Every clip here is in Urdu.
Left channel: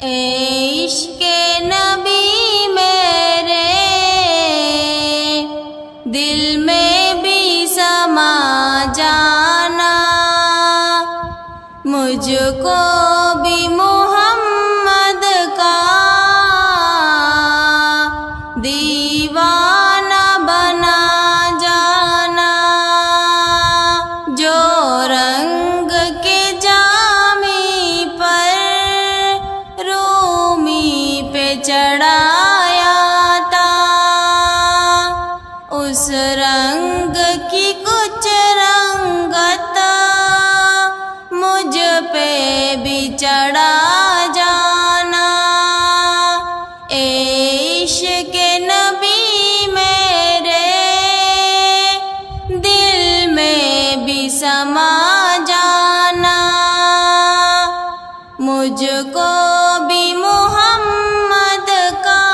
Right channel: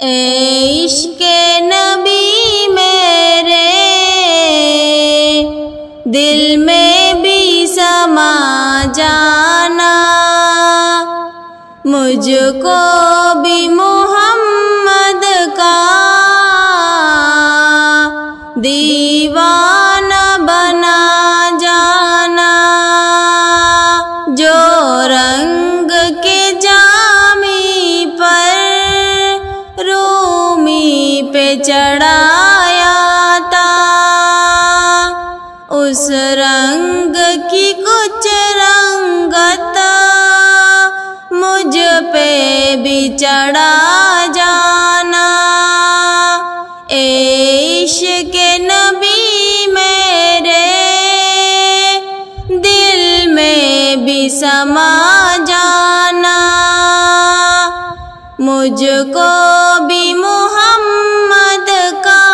اے عشق نبی میرے دل میں بھی سما جانا، مجھ کو بھی محمد کا دیوانہ بنا جانا، جو رنگ کے جامی پر رومی پہ چڑھایا تھا، اس رنگ کی کچھ رنگت مجھ پہ بھی چڑھا جانا۔ اے عشق نبی میرے دل میں بھی سما جانا، مجھ کو بھی محمد کا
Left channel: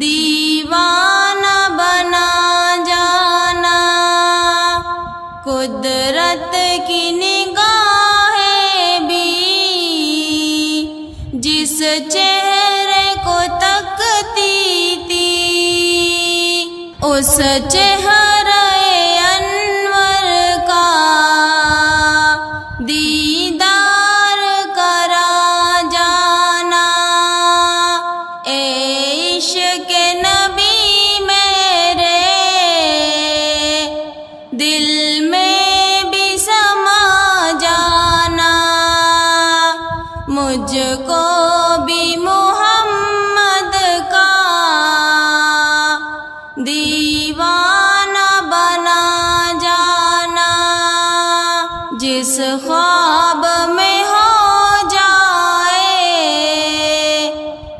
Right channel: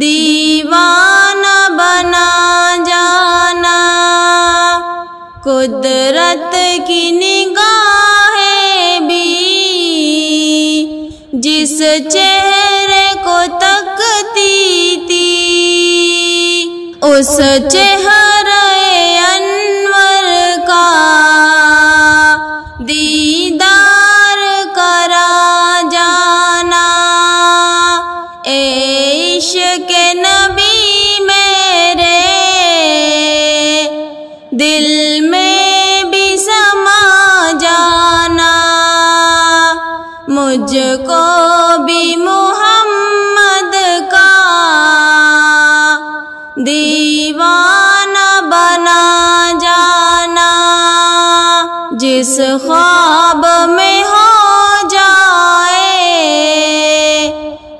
دیوانہ بنا جانا۔ قدرت کی نگاہیں بھی جس چہرے کو تکتی تھی، اس چہرے انور کا دیدار کرا جانا۔ اے عشق نبی میرے دل میں بھی سما جانا، مجھ کو بھی محمد کا دیوانہ بنا جانا۔ جس خواب میں ہو جائے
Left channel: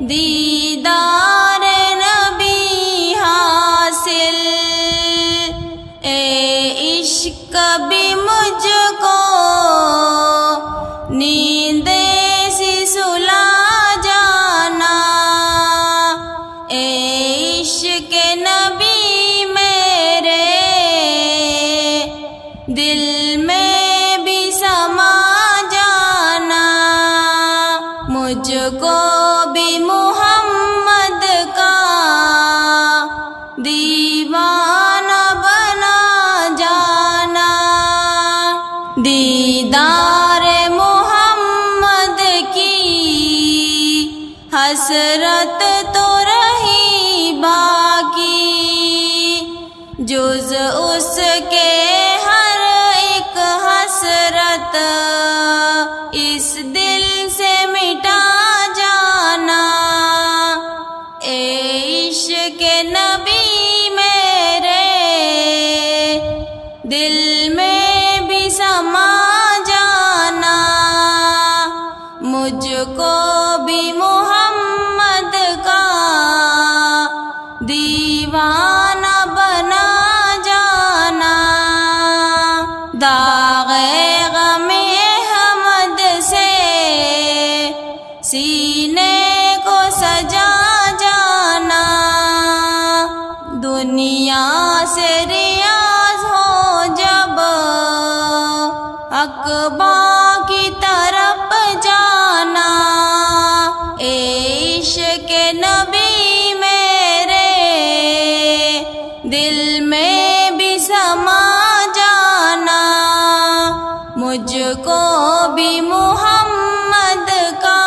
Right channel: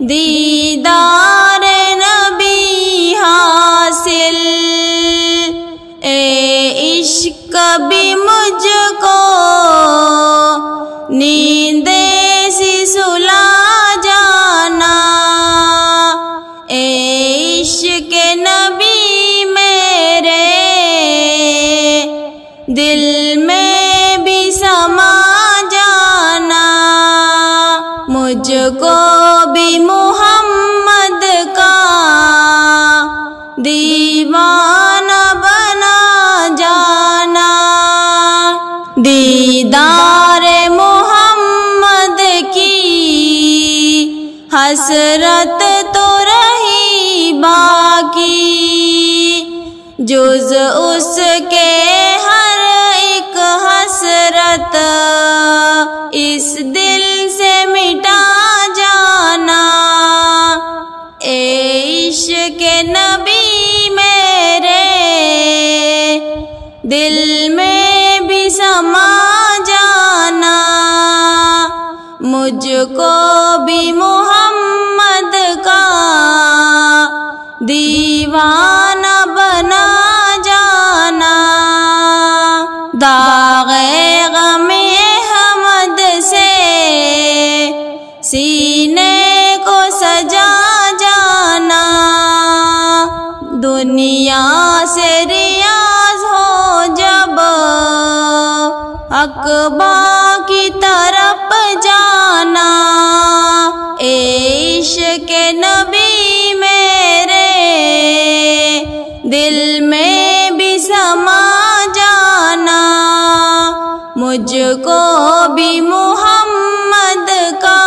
دیدار نبی حاصل، اے عشق بھی مجھ کو نیند سی سلا جانا۔ اے عشق نبی میرے دل میں بھی سما جانا، مجھ کو بھی محمد کا دیوانہ بنا جانا۔ دیدار محمد کی حسرت تو رہی باقی، جز اس کے ہر ایک حسرت اس دل سے مٹا جانا۔ اے عشق نبی میرے دل میں بھی سما جانا، مجھ کو بھی محمد کا دیوانہ بنا جانا۔ داغ غم احمد سے سینے کو سجا جانا، دنیا سے ریاض ہو جب عقبہ کی طرف جانا۔ اے عشق نبی میرے دل میں بھی سما جانا، مجھ کو بھی محمد کا